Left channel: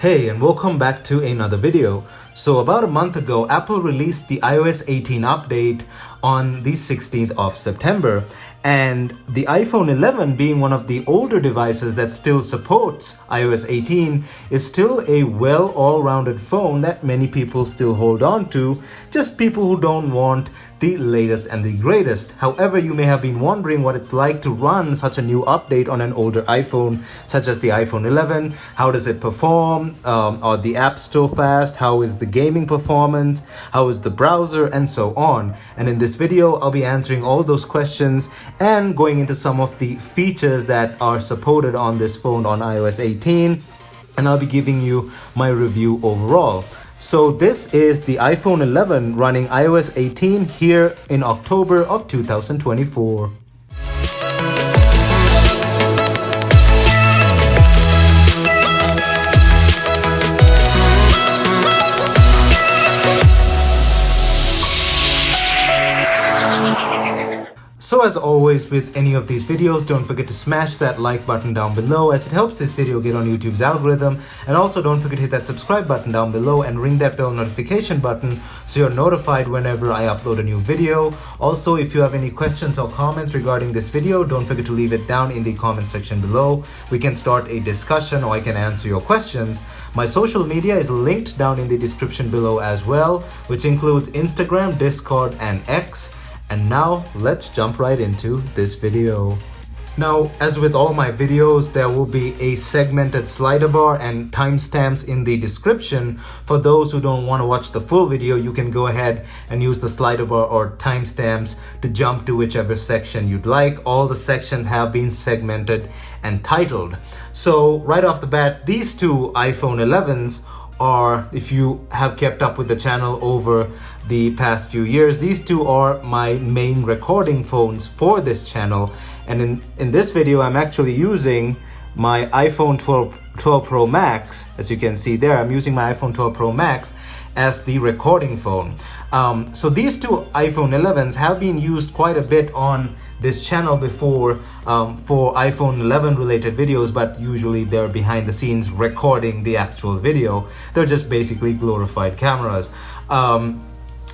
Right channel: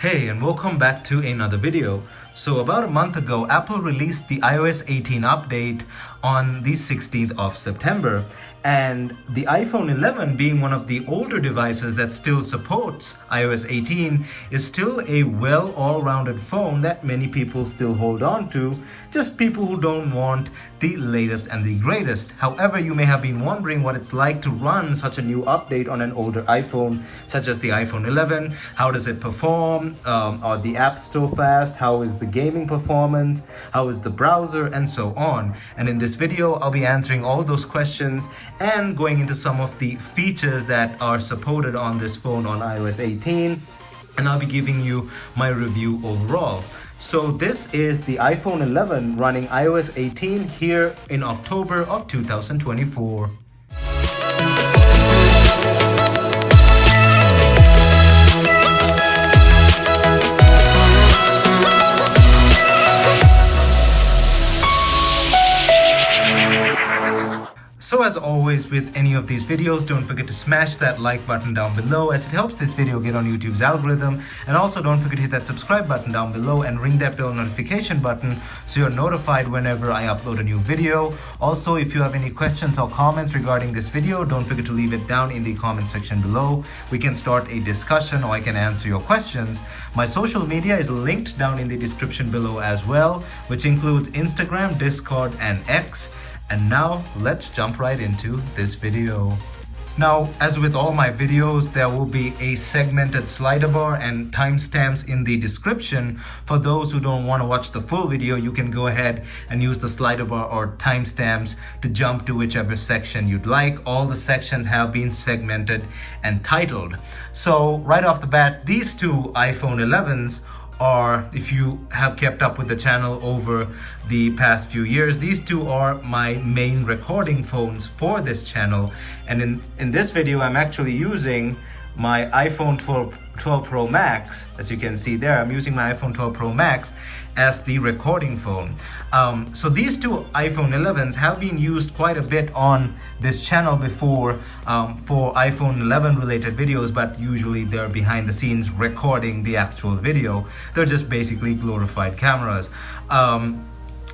Hey, and welcome back to another video. So about a month ago, Apple released the iOS 18 update on the 16th of September. And the iPhone 11, being one of the older devices that still supports iOS 18, is still a well all-rounded phone that many people still hold on to, just people who don't want the latest and the greatest. However, you may have been wondering what it's like to run such a new update on an older iPhone, such as the iPhone 11. How does it perform? Are the apps still fast? How is the gaming performance? How is the browser? And so on. And in this video, I'll be answering all those questions and going into some of the features that are supported on this phone on iOS 18. And I'll be giving you my review overall. So this is the iPhone 11 running iOS 18 here in October of 2024. So as always with any of these videos, don't forget to smash that like button down below as it helps this video get on YouTube's algorithm. And also don't forget to hit that subscribe button down below and ring that bell notification button so you're notified whenever I upload a new video. Also, if you have any questions or comments regarding this video, don't forget to leave it down in the comment section below. We can start a discussion or I can answer your questions. My social media is linked down in the description below as well, which includes Instagram, Discord, and X. And now let's jump right into this video. Now, as with all my videos, there will be a segmented slider bar and timestamps in the description. For those who don't want to watch the full video, you can go ahead and use the slider bar or timestamps to jump to whichever section you'd like. All the sections have been segmented and titled. So right off the bat, these two iPhone 11s are, if you have kept up with the channel over the past few years, these two are my main recording phones for this channel. And in this video, I'm actually using my iPhone 12 Pro Max. As you can see there, I'm using my iPhone 12 Pro Max as the recording phone. So these two iPhone 11s have been used quite a bit on this channel before for iPhone 11 related videos, but usually they're behind the scenes recording the actual video. They're just basically glorified cameras.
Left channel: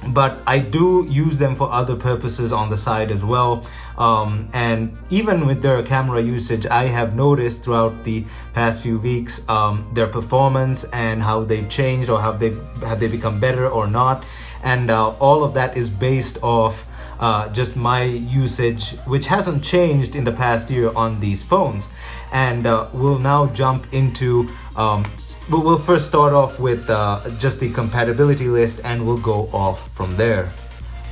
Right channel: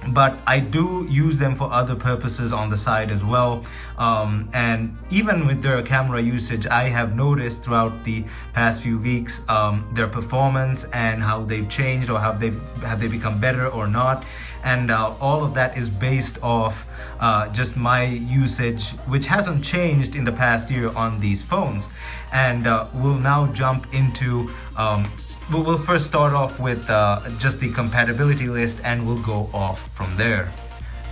But I do use them for other purposes on the side as well. And even with their camera usage, I have noticed throughout the past few weeks their performance and how they've changed, or have they become better or not. And all of that is based off just my usage, which hasn't changed in the past year on these phones. And we'll now jump into, we'll first start off with just the compatibility list, and we'll go off from there.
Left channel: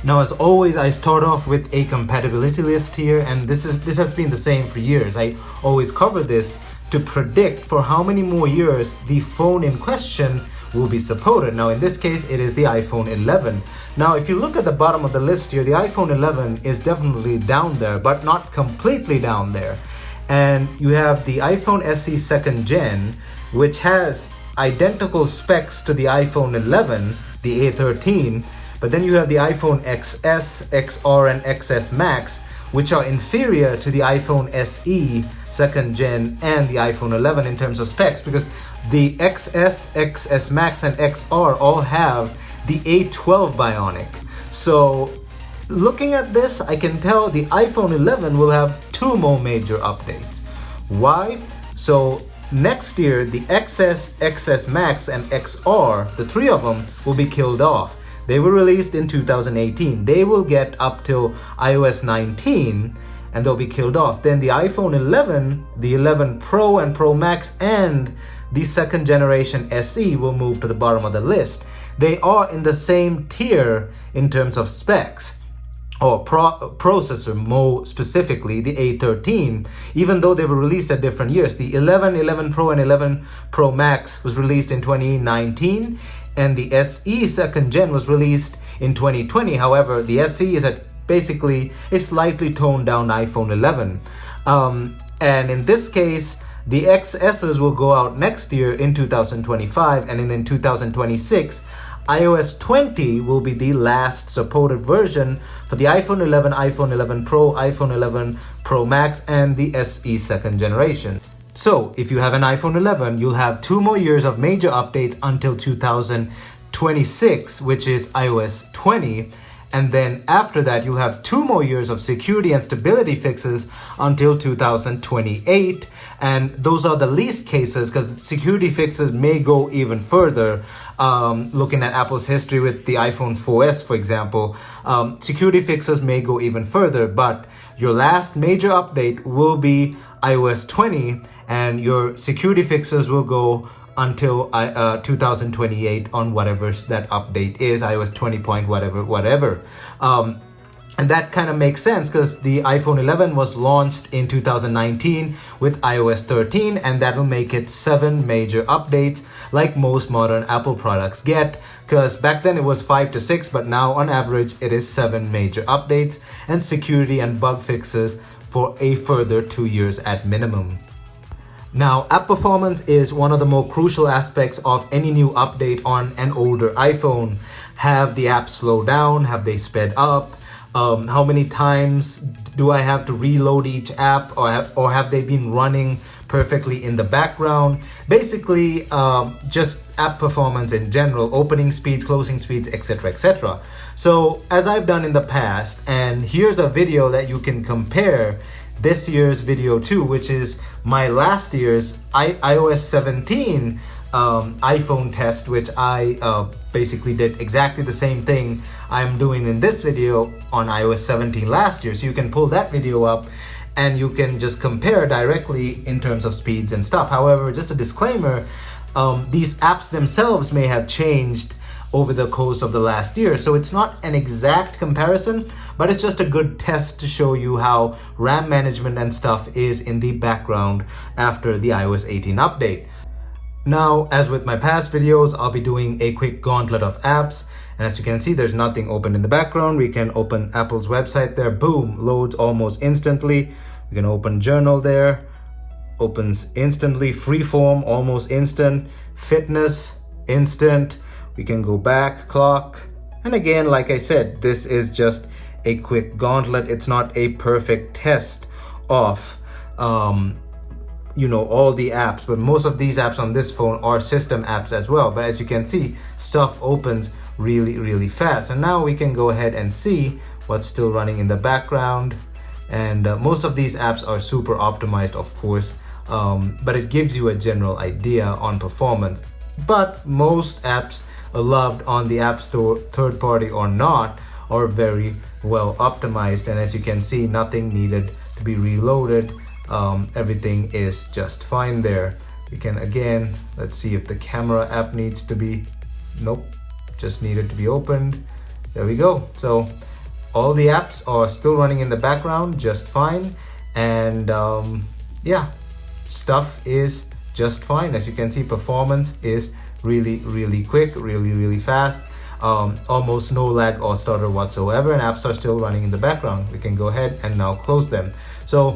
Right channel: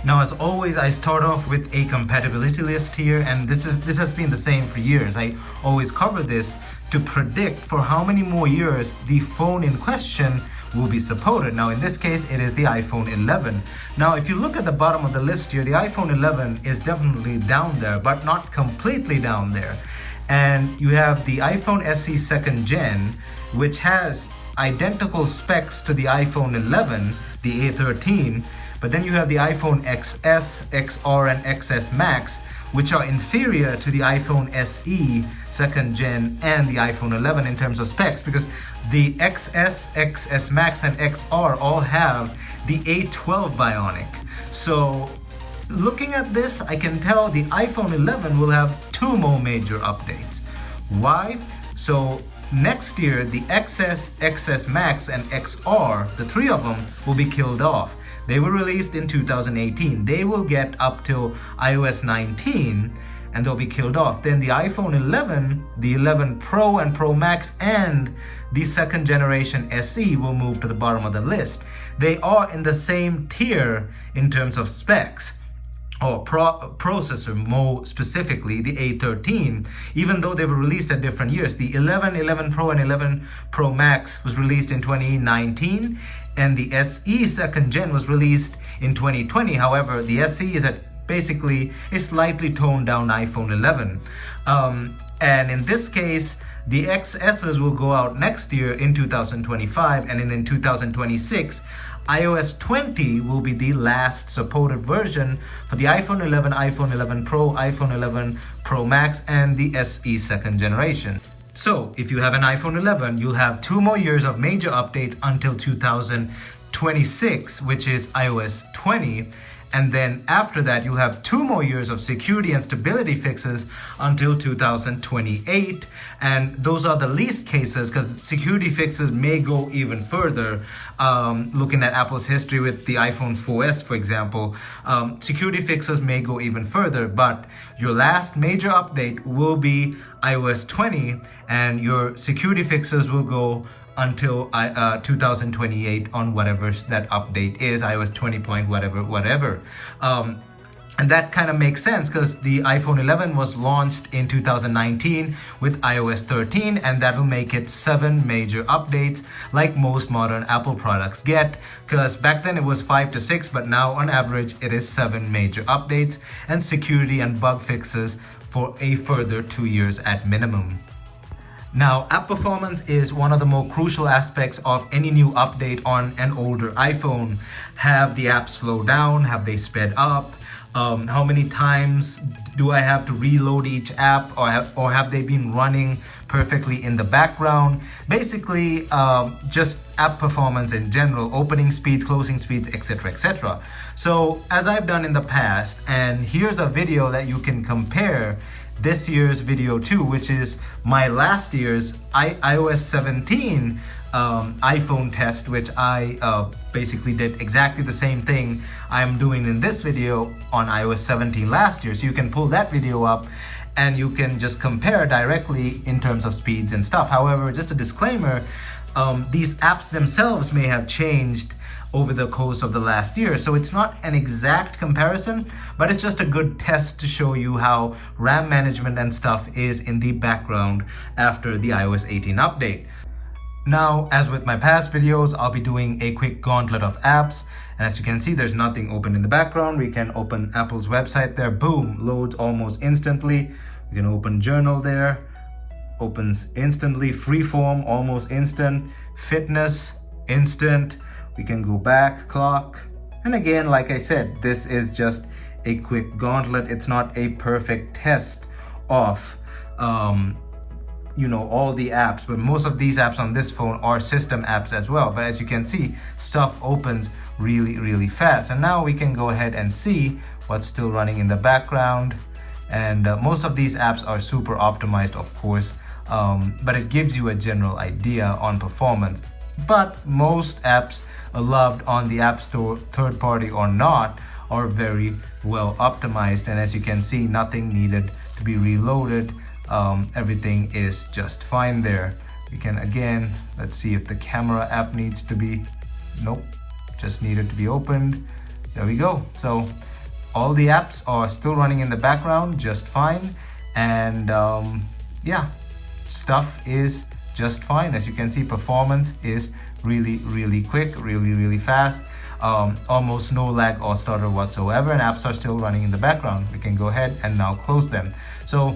Now, as always, I start off with a compatibility list here, and this has been the same for years. I always cover this to predict for how many more years the phone in question will be supported. Now, in this case, it is the iPhone 11. Now, if you look at the bottom of the list here, the iPhone 11 is definitely down there, but not completely down there. And you have the iPhone SE 2nd Gen, which has identical specs to the iPhone 11, the A13, but then you have the iPhone XS, XR, and XS Max, which are inferior to the iPhone SE 2nd Gen and the iPhone 11 in terms of specs, because the XS, XS Max, and XR all have the A12 Bionic. So looking at this, I can tell the iPhone 11 will have two more major updates. Why? So next year, the XS, XS Max, and XR, the three of them, will be killed off. They were released in 2018. They will get up till iOS 19 and they'll be killed off. Then the iPhone 11, the 11 Pro and Pro Max, and the 2nd generation SE will move to the bottom of the list. They are in the same tier in terms of specs, or processor more specifically, the A13, even though they were released at different years. The 11, 11 Pro, and 11 Pro Max was released in 2019, and the SE 2nd Gen was released in 2020. However, the SE is at basically a slightly toned down iPhone 11. And in this case, the XSs will go out next year in 2025, and in 2026, iOS 20 will be the last supported version for the iPhone 11, iPhone 11 Pro, iPhone 11 Pro Max, and the SE 2nd generation. So if you have an iPhone 11, you'll have 2 more years of major updates until 2026, which is iOS 20. And then after that, you'll have 2 more years of security and stability fixes until 2028. And those are the least cases because security fixes may go even further. Looking at Apple's history with the iPhone 4S, for example, security fixes may go even further. But your last major update will be iOS 20, and your security fixes will go until 2028 on whatever that update is, iOS 20 point whatever. And that kind of makes sense because the iPhone 11 was launched in 2019 with iOS 13, and that will make it 7 major updates like most modern Apple products get, because back then it was 5 to 6, but now on average it is 7 major updates and security and bug fixes for a further 2 years at minimum. Now, app performance is one of the more crucial aspects of any new update on an older iPhone. Have the apps slowed down? Have they sped up? How many times do I have to reload each app, or have they been running perfectly in the background? Basically, just app performance in general, opening speeds, closing speeds, etc., etc. So, as I've done in the past, and here's a video that you can compare this year's video too, which is my last year's iOS 17 iPhone test, which I basically did exactly the same thing I'm doing in this video on iOS 17 last year. So you can pull that video up and you can just compare directly in terms of speeds and stuff. However, just a disclaimer, these apps themselves may have changed over the course of the last year. So it's not an exact comparison, but it's just a good test to show you how RAM management and stuff is in the background after the iOS 18 update. Now, as with my past videos, I'll be doing a quick gauntlet of apps. And as you can see, there's nothing open in the background. We can open Apple's website there, boom, loads almost instantly. We can open Journal there, opens instantly. Freeform, almost instant. Fitness, instant. We can go back, clock. And again, like I said, this is just a quick gauntlet. It's not a perfect test of, all the apps, but most of these apps on this phone are system apps as well. But as you can see, stuff opens really, really fast. And now we can go ahead and see what's still running in the background. And most of these apps are super optimized, of course, but it gives you a general idea on performance. But most apps loved on the App Store, third party or not, are very well optimized. And as you can see, nothing needed to be reloaded. Everything is just fine there. You can again, let's see if the camera app needs to be, nope, just needed to be opened. There we go. So all the apps are still running in the background just fine. And yeah, stuff is just fine. As you can see, performance is really, really quick, really, really fast. Almost no lag or stutter whatsoever, and apps are still running in the background. We can go ahead and now close them. So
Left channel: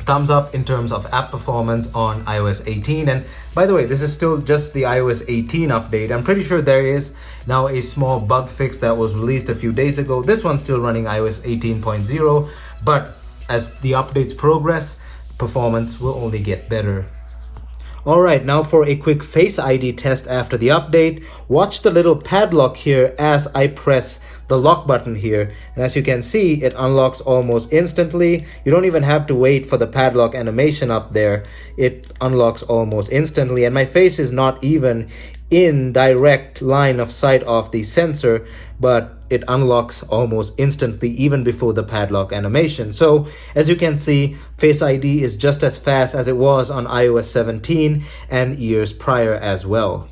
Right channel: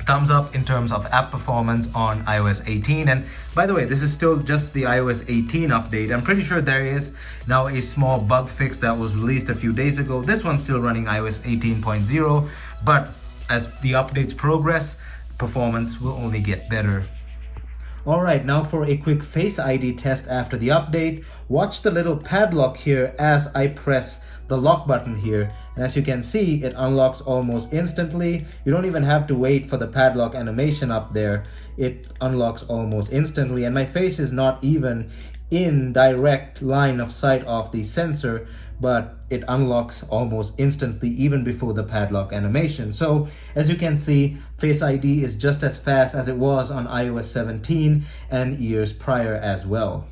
thumbs up in terms of app performance on iOS 18. And by the way, this is still just the iOS 18 update. I'm pretty sure there is now a small bug fix that was released a few days ago. This one's still running iOS 18.0, but as the updates progress, performance will only get better. Alright, now for a quick Face ID test after the update. Watch the little padlock here as I press the lock button here. And as you can see, it unlocks almost instantly. You don't even have to wait for the padlock animation up there. It unlocks almost instantly, and my face is not even in direct line of sight of the sensor, but it unlocks almost instantly even before the padlock animation. So as you can see, Face ID is just as fast as it was on iOS 17 and years prior as well.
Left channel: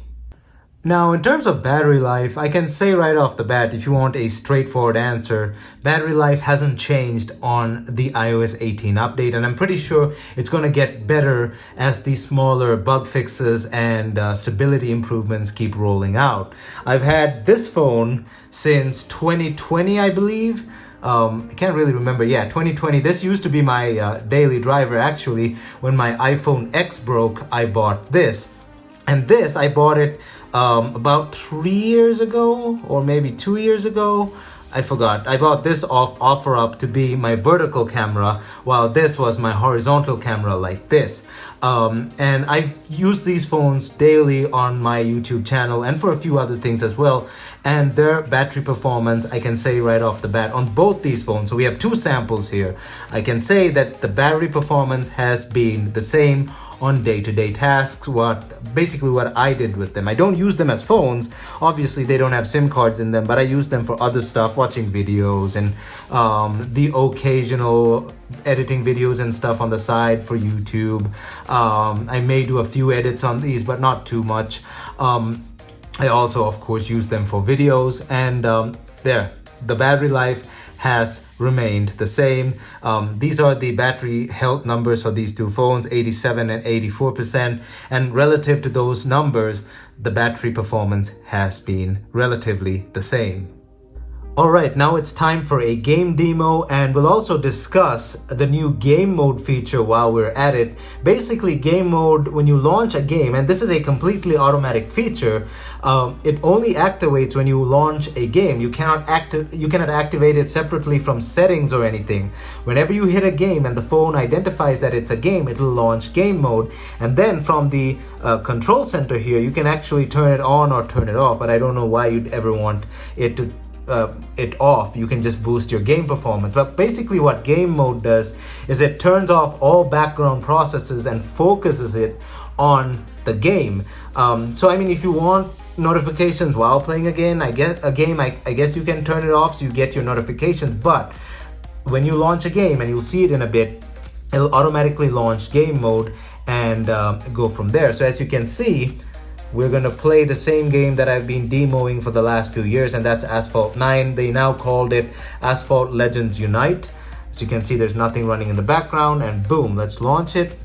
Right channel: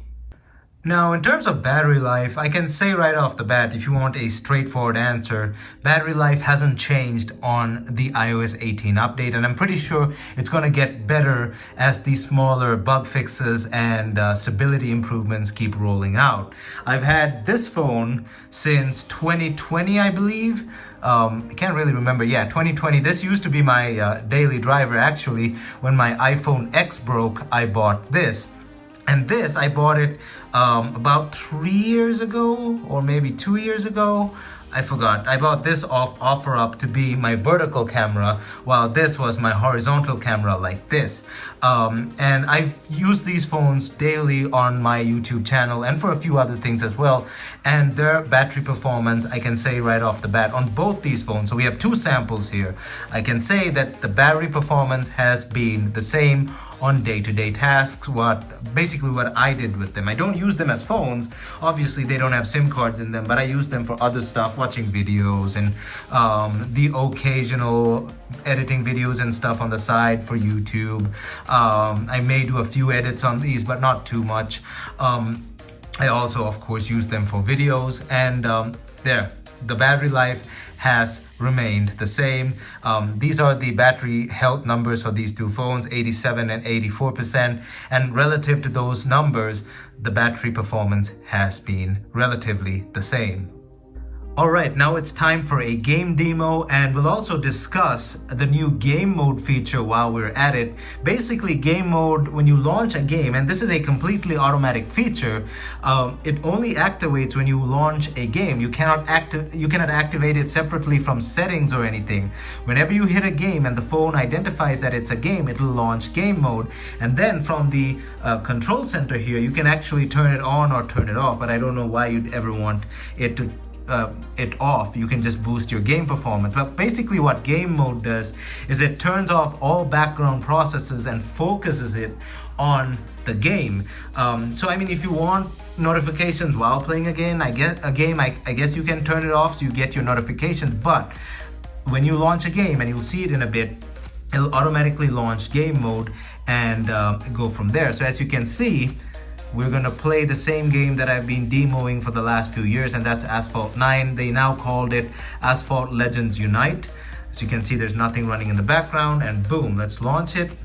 Now, in terms of battery life, I can say right off the bat, if you want a straightforward answer, battery life hasn't changed on the iOS 18 update, and I'm pretty sure it's going to get better as the smaller bug fixes and stability improvements keep rolling out. I've had this phone since 2020, I believe. I can't really remember. Yeah, 2020. This used to be my daily driver, actually. When my iPhone X broke, I bought this. And this, I bought it about 3 years ago, or maybe 2 years ago. I forgot. I bought this off OfferUp to be my vertical camera, while this was my horizontal camera like this. And I've used these phones daily on my YouTube channel and for a few other things as well. And their battery performance, I can say right off the bat on both these phones. So we have two samples here. I can say that the battery performance has been the same on day-to-day tasks, basically what I did with them. I don't use them as phones. Obviously, they don't have SIM cards in them, but I use them for other stuff, watching videos and the occasional editing videos and stuff on the side for YouTube. I may do a few edits on these, but not too much. I also, of course, use them for videos, and the battery life has remained the same. These are the battery health numbers for these two phones, 87 and 84%. And relative to those numbers, the battery performance has been relatively the same. Alright, now it's time for a game demo, and we'll also discuss the new game mode feature while we're at it. Basically, game mode, when you launch a game, and this is a completely automatic feature, it only activates when you launch a game. You cannot activate it separately from settings or anything. Whenever you hit a game and the phone identifies that it's a game, it'll launch game mode. And then from the control center here, you can actually turn it on or turn it off, but I don't know why you'd ever want it off. You can just boost your game performance. But basically what game mode does is it turns off all background processes and focuses it on the game. So I mean, if you want notifications while playing a game, I guess you can turn it off so you get your notifications. But when you launch a game, and you'll see it in a bit, it'll automatically launch game mode and go from there. So as you can see, we're gonna play the same game that I've been demoing for the last few years, and that's Asphalt 9. They now called it Asphalt Legends Unite. As you can see, there's nothing running in the background, and boom, let's launch it.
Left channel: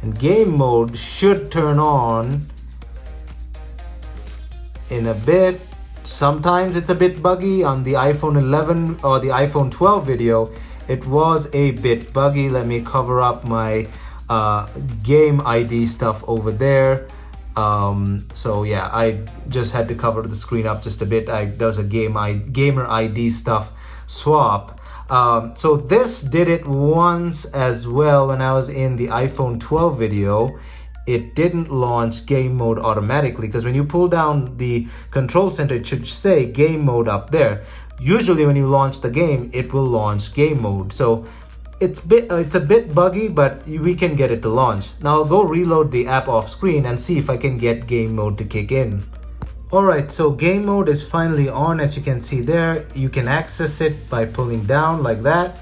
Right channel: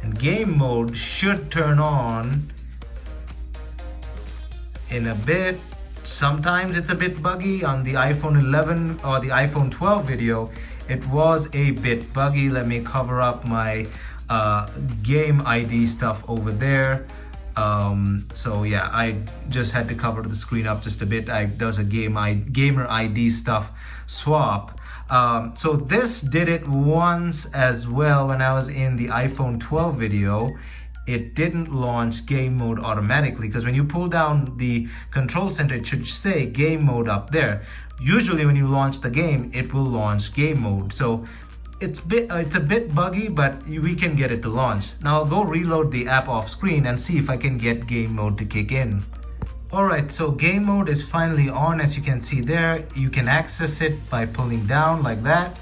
And game mode should turn on in a bit. Sometimes it's a bit buggy. On the iPhone 11 or the iPhone 12 video, it was a bit buggy. Let me cover up my game ID stuff over there. So yeah, I just had to cover the screen up just a bit. There's a gamer ID stuff swap. So this did it once as well when I was in the iPhone 12 video. It didn't launch game mode automatically, because when you pull down the control center, it should say game mode up there. Usually when you launch the game, it will launch game mode. So it's a bit buggy, but we can get it to launch. Now I'll go reload the app off screen and see if I can get game mode to kick in. Alright, so game mode is finally on. As you can see there, you can access it by pulling down like that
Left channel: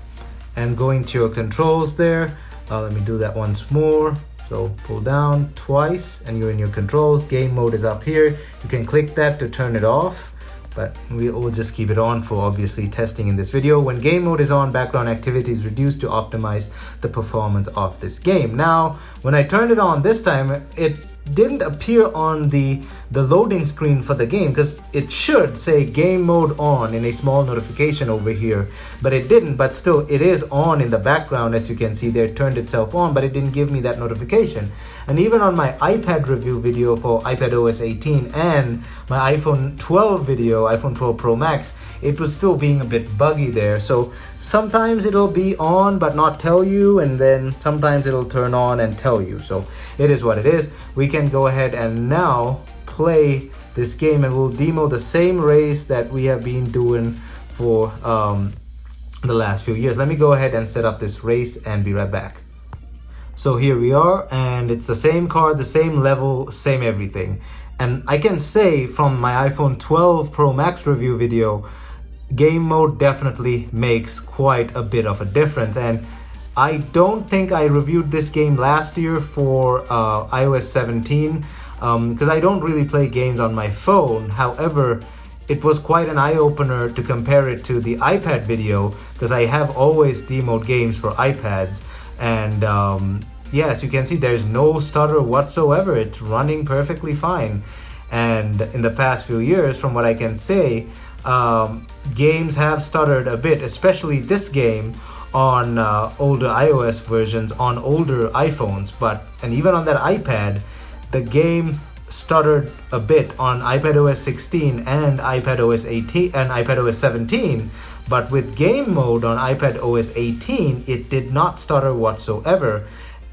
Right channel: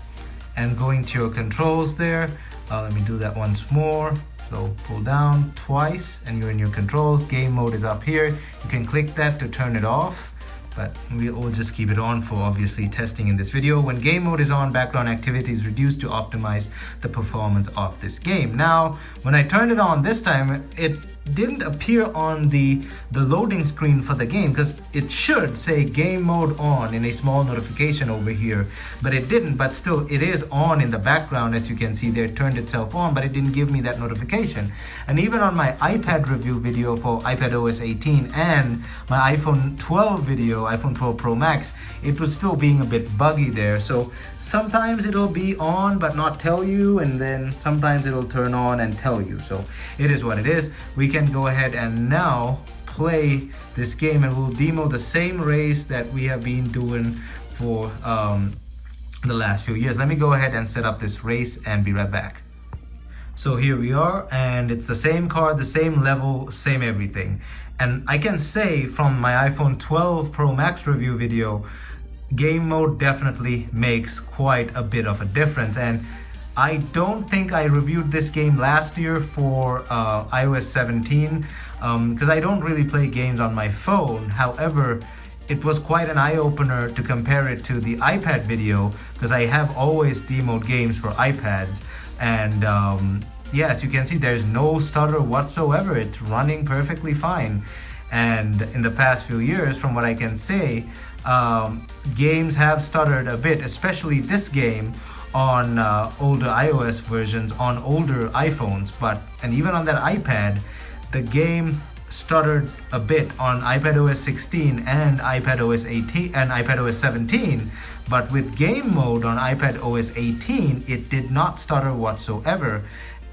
and going to your controls there. Let me do that once more. So pull down twice and you're in your controls. Game mode is up here. You can click that to turn it off, but we'll just keep it on for obviously testing in this video. When game mode is on, background activity is reduced to optimize the performance of this game. Now, when I turned it on this time, it didn't appear on the loading screen for the game, because it should say game mode on in a small notification over here, but it didn't. But still, it is on in the background. As you can see there, it turned itself on, but it didn't give me that notification. And even on my iPad review video for iPadOS 18 and my iPhone 12 video, iPhone 12 Pro Max, it was still being a bit buggy there. So sometimes it'll be on but not tell you, and then sometimes it'll turn on and tell you. So it is what it is. We can go ahead and now play this game, and we'll demo the same race that we have been doing for the last few years. Let me go ahead and set up this race and be right back. So here we are, and it's the same car, the same level, same everything. And I can say from my iPhone 12 Pro Max review video, game mode definitely makes quite a bit of a difference. And I don't think I reviewed this game last year for iOS 17, because I don't really play games on my phone. However, it was quite an eye-opener to compare it to the iPad video, because I have always demoed games for iPads. And yeah, as you can see, there's no stutter whatsoever. It's running perfectly fine. And in the past few years, from what I can say, games have stuttered a bit, especially this game on older iOS versions on older iPhones. And even on that iPad, the game stuttered a bit on iPadOS 16 and iPadOS 18 and iPadOS 17. But with game mode on iPadOS 18, it did not stutter whatsoever.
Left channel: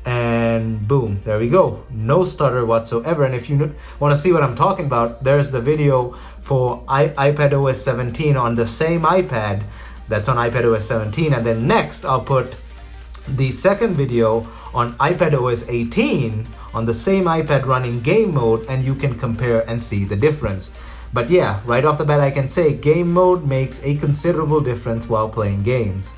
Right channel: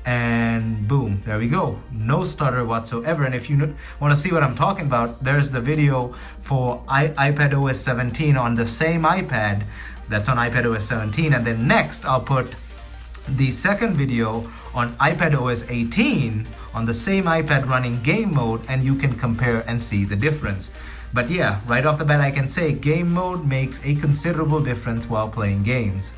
and boom, there we go, no stutter whatsoever. And if you want to see what I'm talking about, there's the video for iPadOS 17 on the same iPad that's on iPadOS 17, and then next I'll put the second video on iPadOS 18 on the same iPad running game mode, and you can compare and see the difference. But yeah, right off the bat I can say game mode makes a considerable difference while playing games.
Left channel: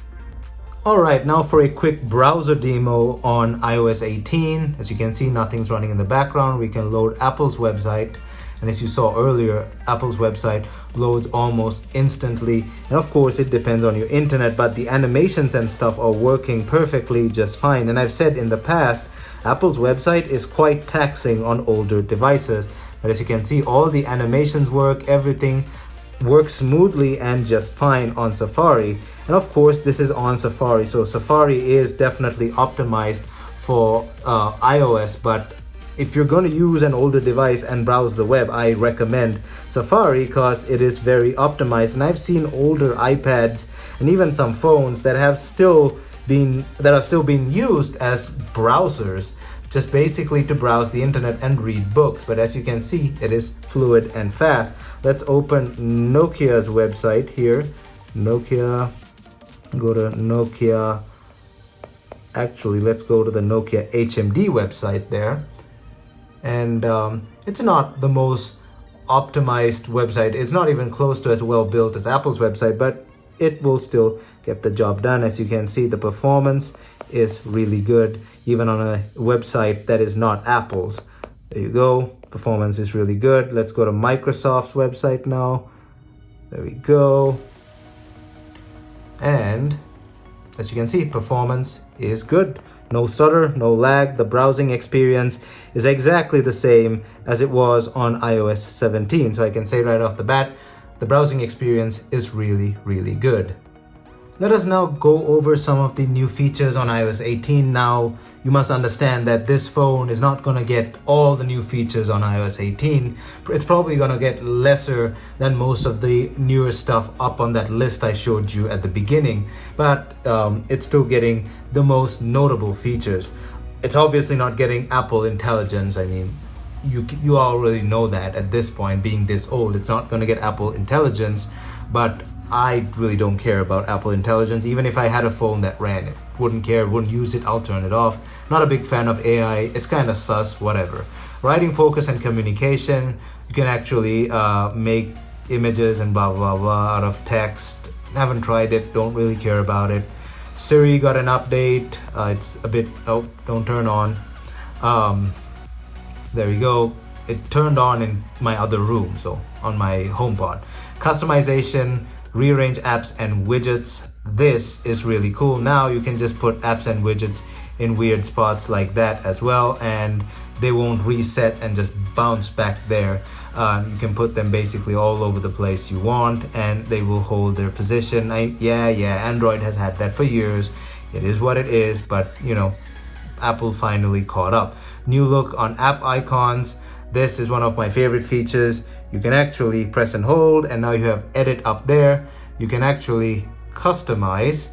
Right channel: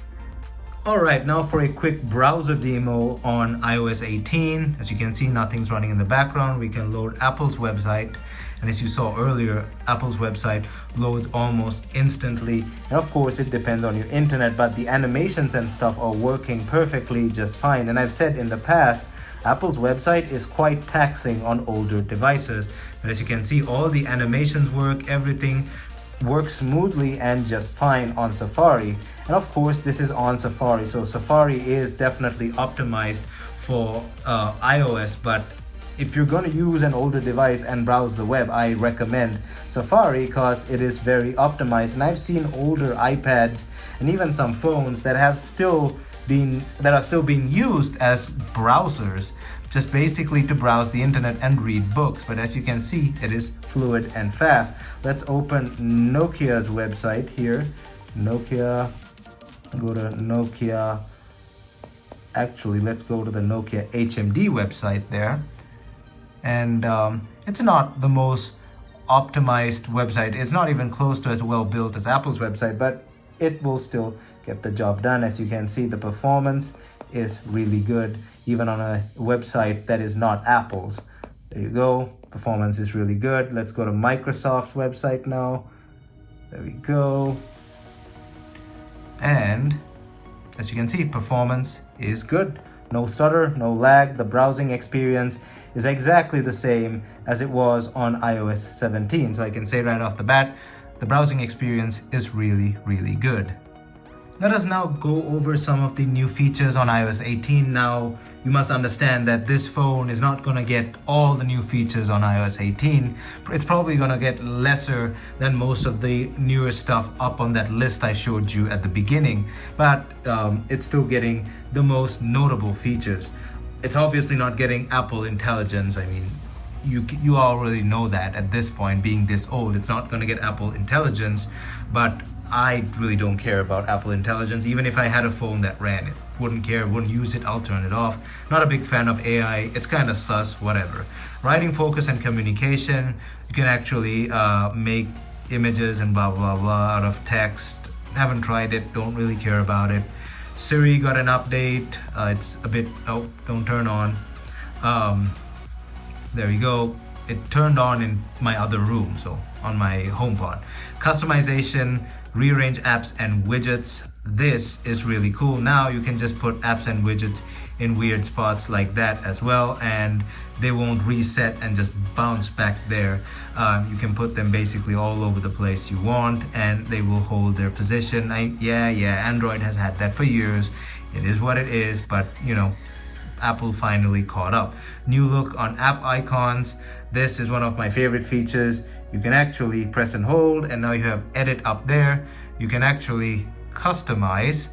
Alright, now for a quick browser demo on iOS 18. As you can see, nothing's running in the background. We can load Apple's website, and as you saw earlier, Apple's website loads almost instantly. And of course it depends on your internet, but the animations and stuff are working perfectly just fine. And I've said in the past, Apple's website is quite taxing on older devices, but as you can see, all the animations work, everything works smoothly and just fine on Safari. And of course this is on Safari, so Safari is definitely optimized for iOS, but if you're going to use an older device and browse the web, I recommend Safari because it is very optimized. And I've seen older iPads and even some phones that are still being used as browsers, just basically to browse the internet and read books. But as you can see, it is fluid and fast. Let's open Nokia's website here. Nokia, go to Nokia. Actually, let's go to the Nokia HMD website there. And it's not the most optimized website. It's not even close to as well built as Apple's website, but it will still get the job done. As you can see, the performance is really good, even on a website that is not Apple's. There you go, performance is really good. Let's go to Microsoft's website now. There we go. And as you can see, performance is good. No stutter, no lag. The browsing experience is exactly the same as it was on iOS 17. So I can say right off the bat, the browsing experience is really, really good. Let us now go over some of the new features on iOS 18. Now, you must understand that this phone is not going to get all the new features on iOS 18. It's probably going to get lesser than most of the newer stuff up on that list I showed you at the beginning, but it's still getting the most notable features. It's obviously not getting Apple Intelligence. I mean, you already know that at this point, being this old, it's not going to get Apple Intelligence, but I really don't care about Apple Intelligence. Even if I had a phone that ran it, wouldn't care, wouldn't use it, I'll turn it off. Not a big fan of AI, it's kind of sus, whatever. Writing, focus, and communication. You can actually make images and blah, blah, blah out of text. Haven't tried it, don't really care about it. Siri got an update. It's a bit, oh, don't turn on. There we go. It turned on in my other room, so on my HomePod. Customization, rearrange apps and widgets. This is really cool. Now you can just put apps and widgets in weird spots like that as well, and they won't reset and just bounce back there. You can put them basically all over the place you want, and they will hold their position. Yeah, Android has had that for years. It is what it is, but you know, Apple finally caught up. New look on app icons. This is one of my favorite features. You can actually press and hold, and now you have edit up there. You can actually customize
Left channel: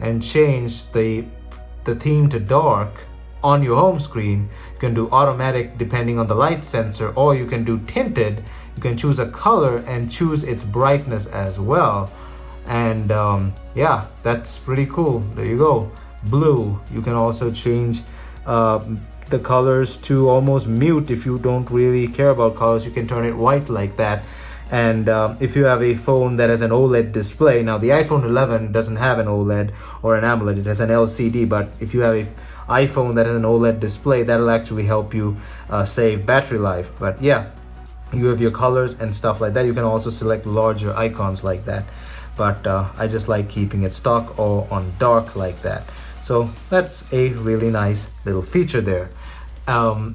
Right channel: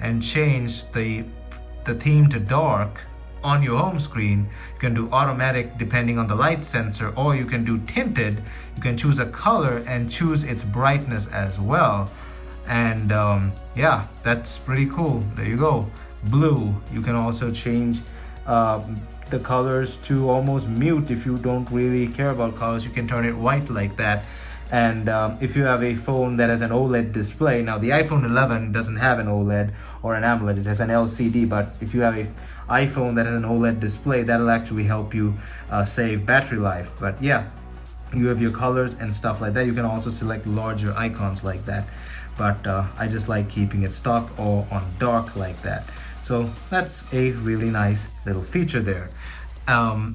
and change the theme to dark on your home screen. You can do automatic depending on the light sensor, or you can do tinted. You can choose a color and choose its brightness as well. And yeah, that's pretty cool. There you go. Blue. You can also change the colors to almost mute. If you don't really care about colors, you can turn it white like that. And if you have a phone that has an OLED display, now the iPhone 11 doesn't have an OLED or an AMOLED, it has an LCD, but if you have an iPhone that has an OLED display, that'll actually help you save battery life. But yeah, you have your colors and stuff like that. You can also select larger icons like that, but I just like keeping it stock or on dark like that. So that's a really nice little feature there.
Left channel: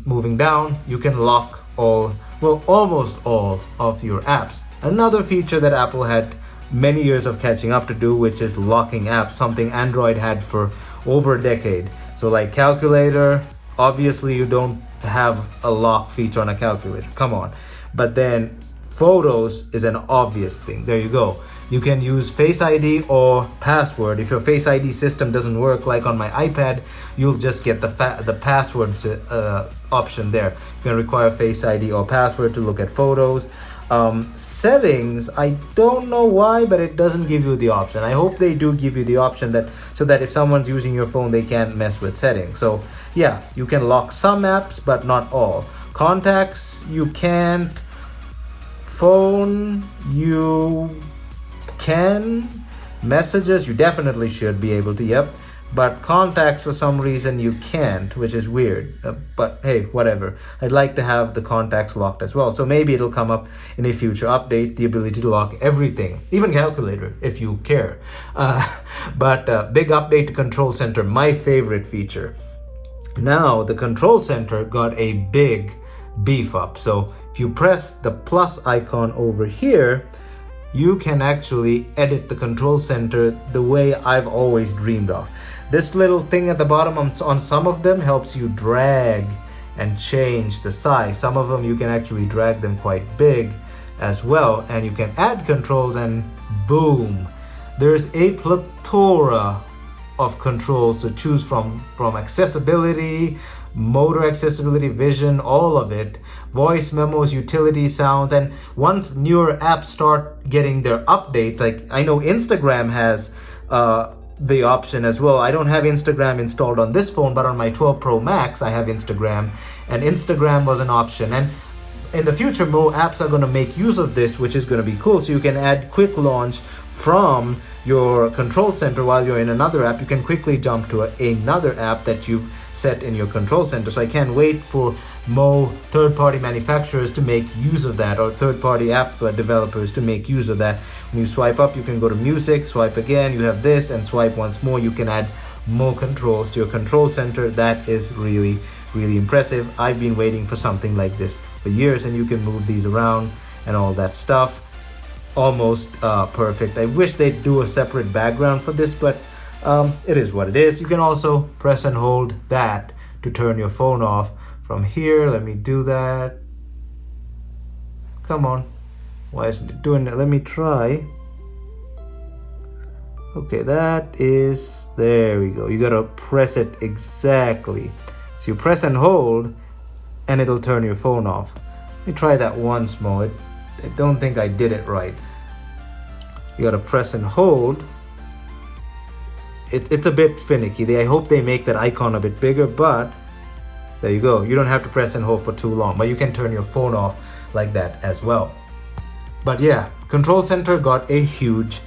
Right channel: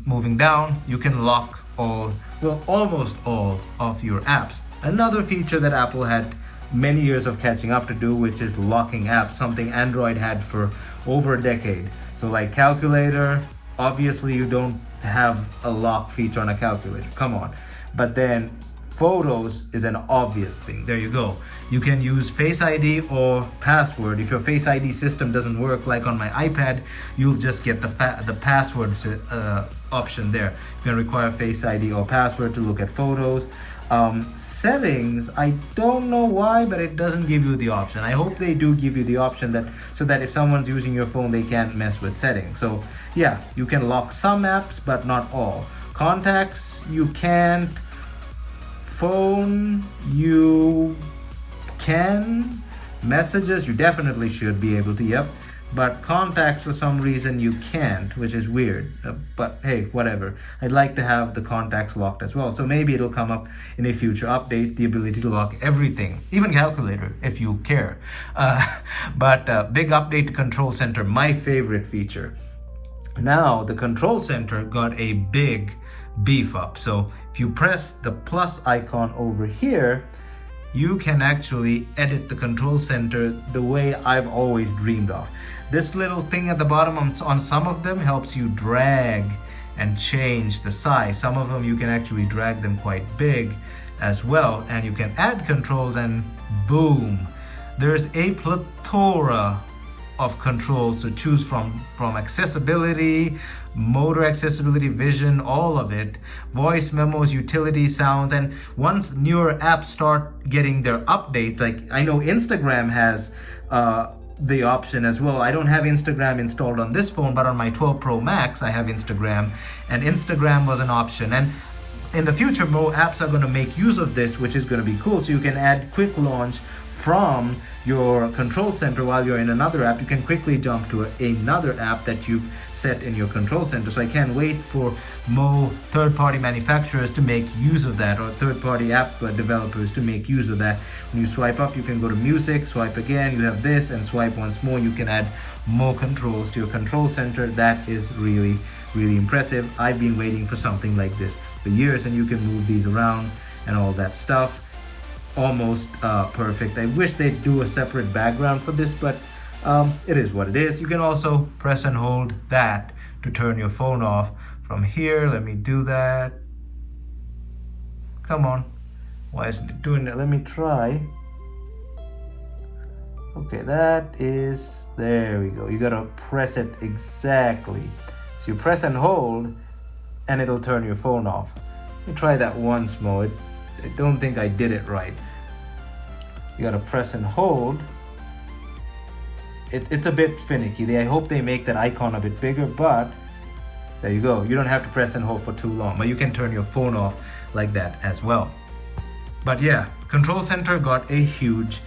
Moving down, you can lock almost all of your apps. Another feature that Apple had many years of catching up to do, which is locking apps, something Android had for over a decade. So like calculator, obviously you don't have a lock feature on a calculator, come on. But then Photos is an obvious thing. There you go. You can use Face ID or password. If your Face ID system doesn't work, like on my iPad, you'll just get the password option there. You can require Face ID or password to look at photos. Settings, I don't know why, but it doesn't give you the option. I hope they do give you the option that so that if someone's using your phone, they can't mess with settings. So yeah, you can lock some apps, but not all. Contacts, you can't. Phone, you can. Messages, you definitely should be able to, yep. But contacts, for some reason, you can't, which is weird. But hey, whatever. I'd like to have the contacts locked as well. So maybe it'll come up in a future update, the ability to lock everything, even calculator, if you care. But big update to Control Center, my favorite feature. Now, the Control Center got a big beef up. So if you press the plus icon over here, you can actually edit the Control Center the way I've always dreamed of. This little thing at the bottom on some of them helps you drag and change the size. Some of them you can actually drag them quite big as well, and you can add controls and boom, there's a plethora of controls to choose from accessibility, motor accessibility, vision, all of it, voice memos, utility sounds. And once newer apps start getting their updates, like I know Instagram has the option as well. I don't have Instagram installed on this phone, but on my 12 Pro Max I have Instagram, and Instagram was an option. And in the future, more apps are going to make use of this, which is going to be cool. So you can add quick launch from your Control Center while you're in another app. You can quickly jump to another app that you've set in your Control Center. So I can't wait for more third-party manufacturers to make use of that, or third-party app developers to make use of that. When you swipe up, you can go to music, swipe again, you have this, and swipe once more. You can add more controls to your Control Center. That is really, really impressive. I've been waiting for something like this for years, and you can move these around and all that stuff. Almost perfect. I wish they'd do a separate background for this, but it is what it is. You can also press and hold that to turn your phone off from here. Let me do that. Come on. Why isn't it doing that? Let me try. Okay, that is, there we go. You gotta press it exactly. So you press and hold and it'll turn your phone off. Let me try that once more. I don't think I did it right. You gotta press and hold. It's a bit finicky. I hope they make that icon a bit bigger, but there you go. You don't have to press and hold for too long, but you can turn your phone off like that as well. But yeah, Control Center got a huge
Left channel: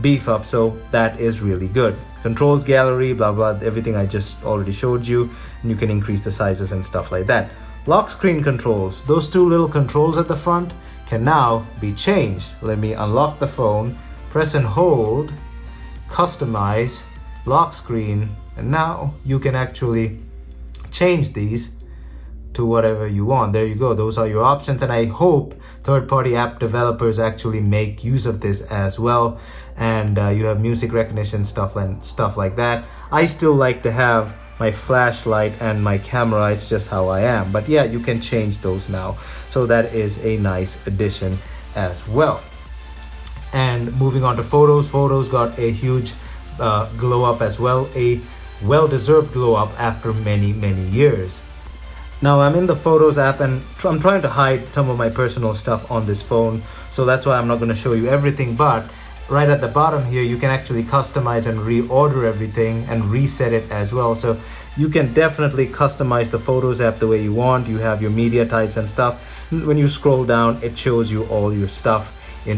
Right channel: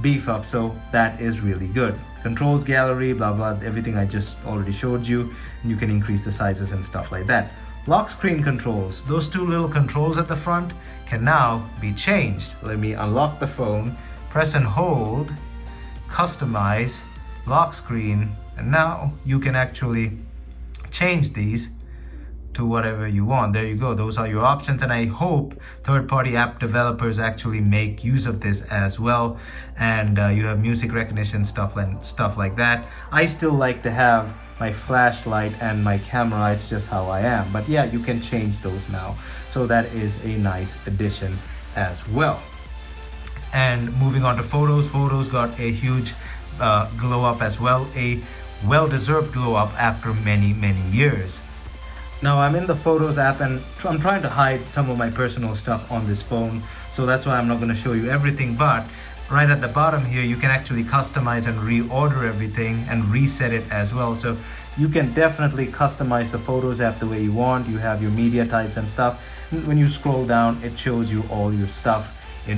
beef up, so that is really good. Controls gallery, blah blah, everything I just already showed you, and you can increase the sizes and stuff like that. Lock screen controls, those two little controls at the front can now be changed. Let me unlock the phone, press and hold, customize, lock screen, and now you can actually change these to whatever you want. There you go. Those are your options, and I hope third-party app developers actually make use of this as well. And you have music recognition stuff like that. I still like to have my flashlight and my camera. It's just how I am. But yeah, you can change those now. So that is a nice addition as well. And moving on to photos, photos got a huge glow up as well, a well-deserved glow up after many years. Now I'm in the Photos app and I'm trying to hide some of my personal stuff on this phone, so that's why I'm not going to show you everything. But right at the bottom here, you can actually customize and reorder everything and reset it as well. So you can definitely customize the Photos app the way you want. You have your media types and stuff. When you scroll down, it shows you all your stuff in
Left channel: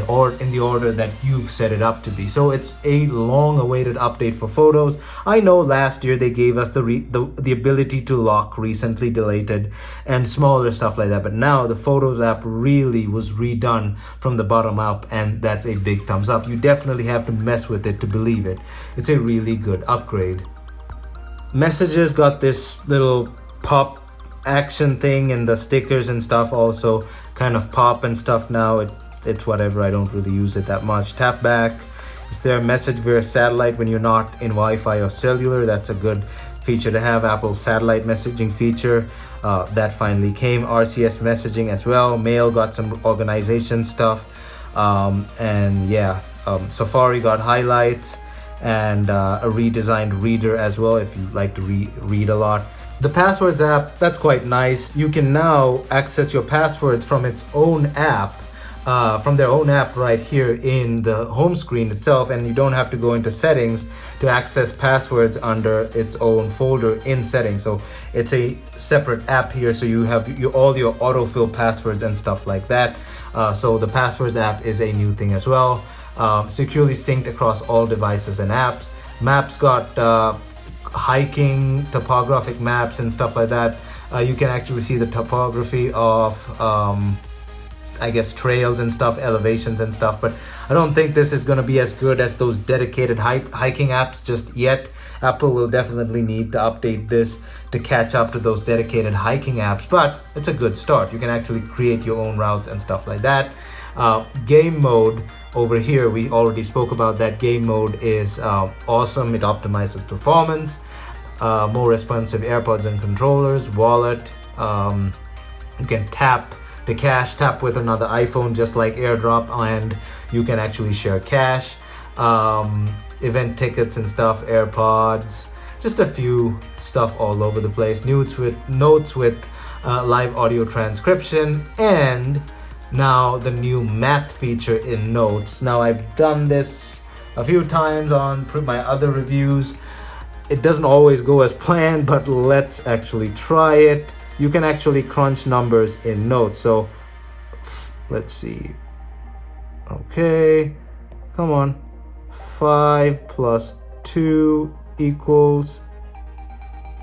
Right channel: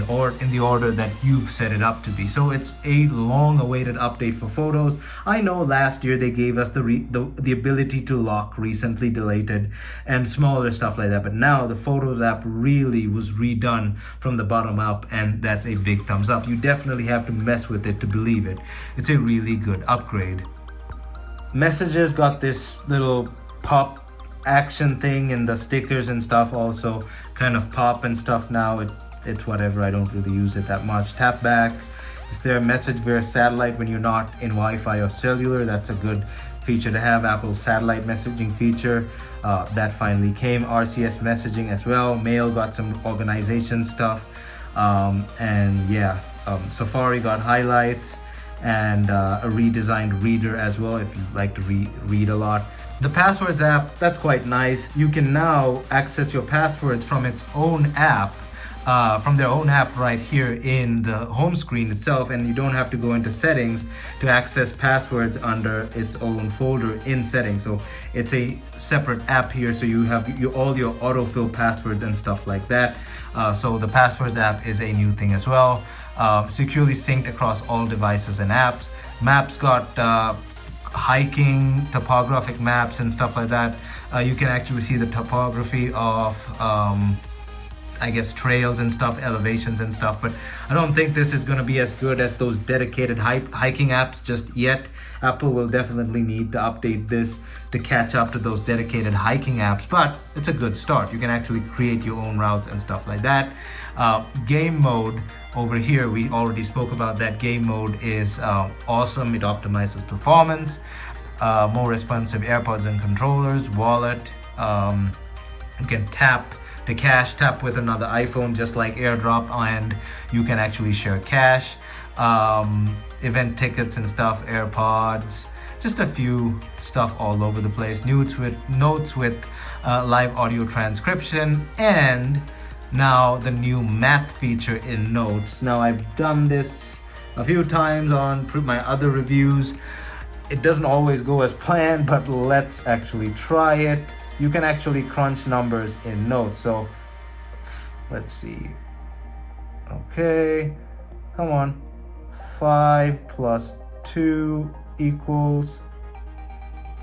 the order that you've set it up to be. So it's a long-awaited update for Photos. I know last year they gave us the ability to lock recently deleted and smaller stuff like that, but now the Photos app really was redone from the bottom up, and that's a big thumbs up. You definitely have to mess with it to believe it. It's a really good upgrade. Messages got this little pop action thing, and the stickers and stuff also kind of pop and stuff now. It's whatever, I don't really use it that much. Tap back. Is there a message via satellite when you're not in Wi-Fi or cellular? That's a good feature to have, Apple's satellite messaging feature. that finally came. RCS messaging as well. Mail got some organization stuff. And yeah, Safari got highlights and a redesigned reader as well if you like to read a lot. The Passwords app, that's quite nice. You can now access your passwords from its own app, from their own app right here in the home screen itself, and you don't have to go into settings to access passwords under its own folder in settings. So it's a separate app here, so you have all your autofill passwords and stuff like that. So the Passwords app is a new thing as well. Securely synced across all devices and apps. Maps got hiking, topographic maps and stuff like that. You can actually see the topography of I guess trails and stuff, elevations and stuff, but I don't think this is going to be as good as those dedicated hiking apps just yet. Apple will definitely need to update this to catch up to those dedicated hiking apps, but it's a good start. You can actually create your own routes and stuff like that. Game mode over here, we already spoke about that. Game mode is awesome. It optimizes performance, more responsive AirPods and controllers, wallet. You can tap to cash, tap with another iPhone just like AirDrop, and you can actually share cash. Event tickets and stuff, AirPods, just a few stuff all over the place. Notes with live audio transcription, and now the new math feature in Notes. Now I've done this a few times on my other reviews. It doesn't always go as planned, but let's actually try it. You can actually crunch numbers in Notes. So let's see. Okay, come on. 5 plus 2 equals,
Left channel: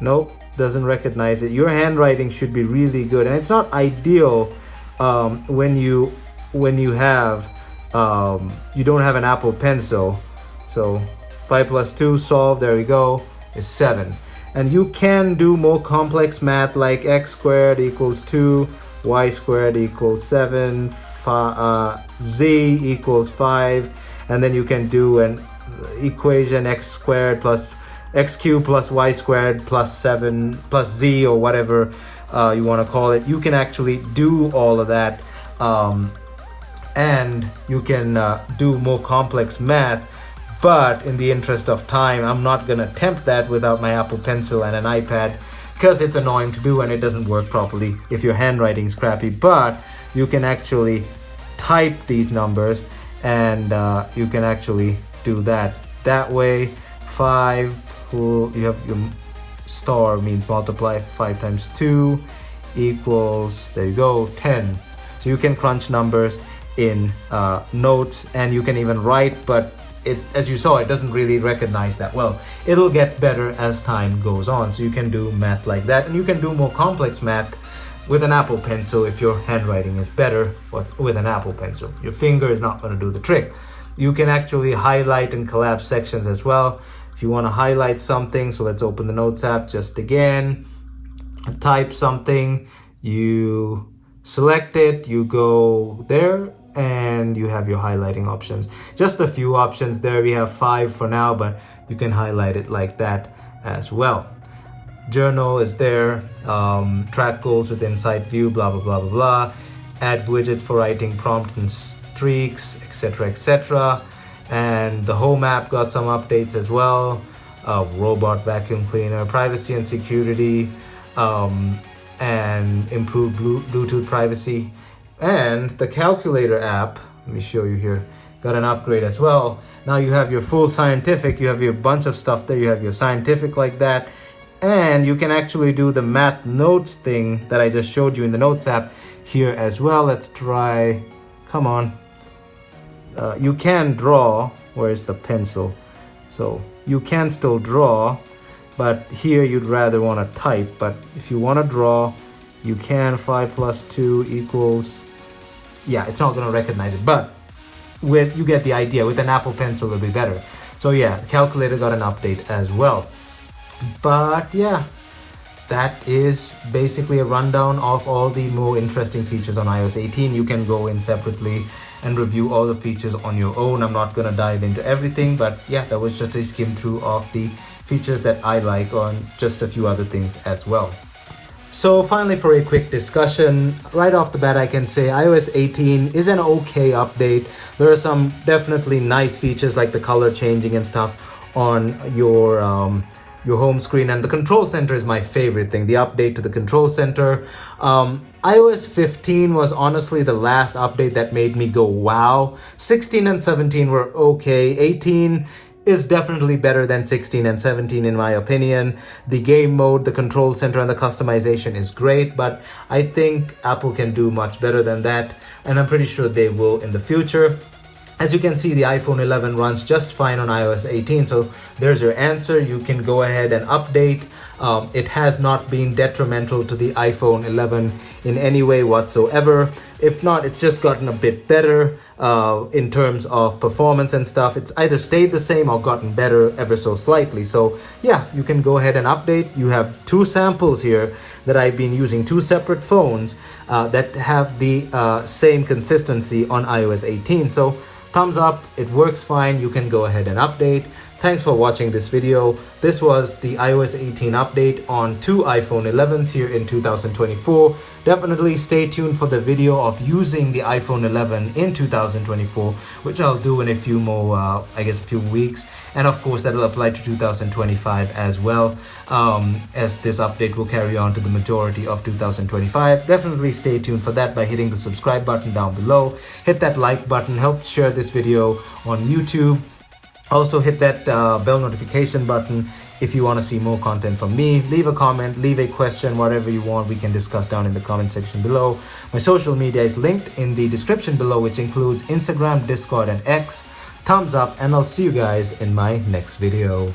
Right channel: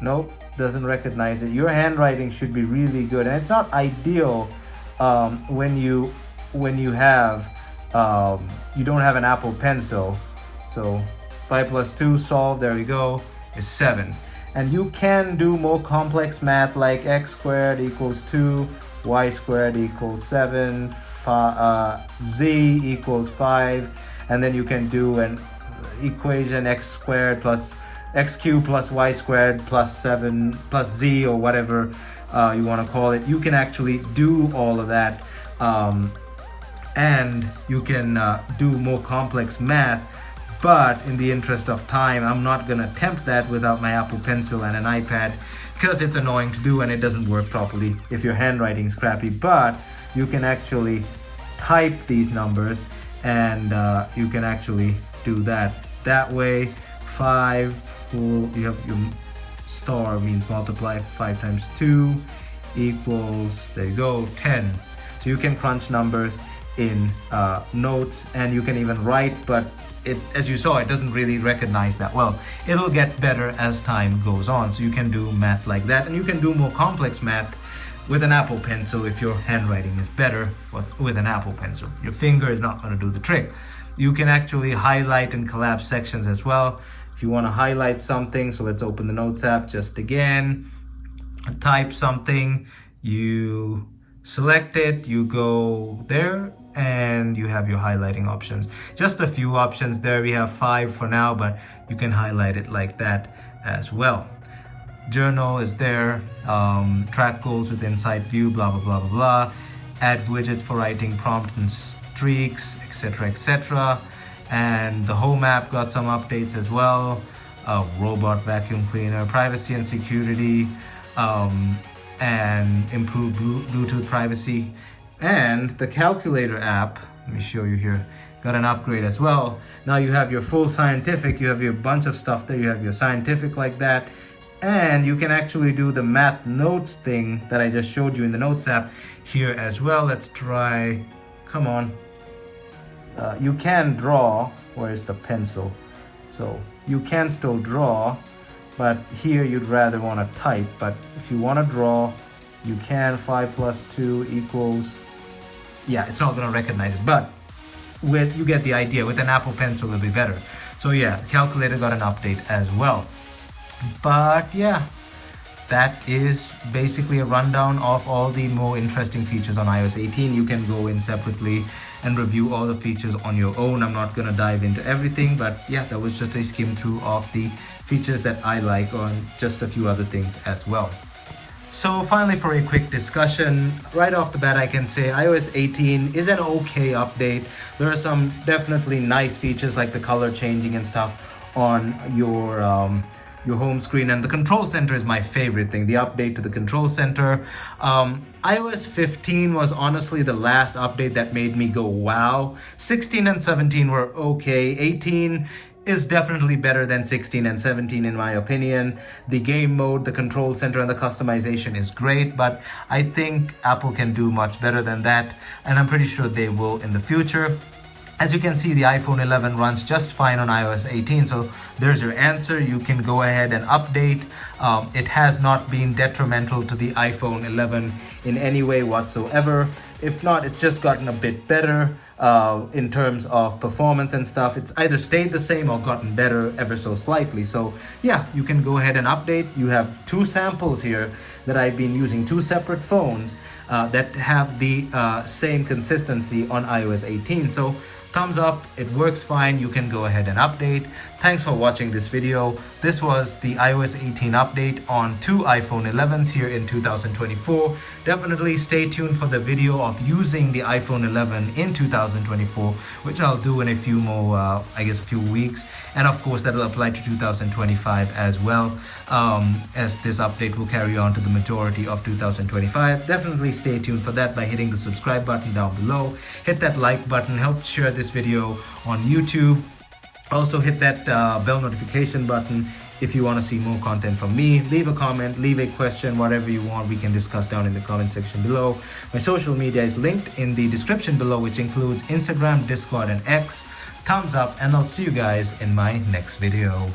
nope, doesn't recognize it. Your handwriting should be really good, and it's not ideal when you have you don't have an Apple Pencil. So 5 plus 2 solved, there we go, is 7. And you can do more complex math like x squared equals 2, y squared equals 7, z equals 5, and then you can do an equation x squared plus x cubed plus y squared plus 7 plus z, or whatever you want to call it. You can actually do all of that, and you can do more complex math. But in the interest of time, I'm not going to attempt that without my Apple Pencil and an iPad, because it's annoying to do and it doesn't work properly if your handwriting's crappy. But you can actually type these numbers, and you can actually do that way. 5, you have your star means multiply. 5 times 2 equals, there you go, 10. So you can crunch numbers in Notes, and you can even write, but as you saw, it doesn't really recognize that well. It'll get better as time goes on, so you can do math like that, and you can do more complex math with an Apple Pencil if your handwriting is better with an Apple Pencil. Your finger is not going to do the trick. You can actually highlight and collapse sections as well if you want to highlight something. So let's open the Notes app just again, type something, you select it, you go there, and you have your highlighting options. Just a few options there. We have 5 for now, but you can highlight it like that as well. Journal is there, track goals with Insight View, blah blah blah blah blah. Add widgets for writing prompt and streaks, etc etc. And the Home app got some updates as well. Robot vacuum cleaner, privacy and security, and improved Bluetooth privacy. And the Calculator app, let me show you here, got an upgrade as well. Now you have your full scientific, you have your bunch of stuff there, you have your scientific like that, and you can actually do the math notes thing that I just showed you in the Notes app here as well. Let's try, come on. You can draw, where's the pencil? So you can still draw, but here you'd rather want to type. But if you want to draw, you can. 5 plus 2 equals, yeah, it's not going to recognize it, but you get the idea. With an Apple Pencil it'll be better. So yeah, Calculator got an update as well. But yeah, that is basically a rundown of all the more interesting features on iOS 18. You can go in separately and review all the features on your own. I'm not going to dive into everything, but yeah, that was just a skim through of the features that I like, on just a few other things as well. So finally, for a quick discussion, right off the bat I can say iOS 18 is an okay update. There are some definitely nice features like the color changing and stuff on your home screen, and the control center is my favorite thing, the update to the control center. iOS 15 was honestly the last update that made me go wow. 16 and 17 were okay. 18 is definitely better than 16 and 17 in my opinion. The game mode, the control center, and the customization is great, but I think Apple can do much better than that, and I'm pretty sure they will in the future. As you can see, the iPhone 11 runs just fine on iOS 18, so there's your answer. You can go ahead and update. It has not been detrimental to the iPhone 11 in any way whatsoever. If not, it's just gotten a bit better in terms of performance and stuff. It's either stayed the same or gotten better ever so slightly. So yeah, you can go ahead and update. You have two samples here that I've been using, two separate phones that have the same consistency on iOS 18. So thumbs up, it works fine. You can go ahead and update. Thanks for watching this video. This was the iOS 18 update on two iPhone 11s here in 2024. Definitely stay tuned for the video of using the iPhone 11 in 2024, which I'll do in a few more, a few weeks. And of course, that'll apply to 2025 as well, as this update will carry on to the majority of 2025. Definitely stay tuned for that by hitting the subscribe button down below. Hit that like button, help share this video on YouTube. Also hit that bell notification button if you want to see more content from me. Leave a comment, leave a question, whatever you want, we can discuss down in the comment section below. My social media is linked in the description below, which includes Instagram, Discord, and X. Thumbs up, and I'll see you guys in my next video.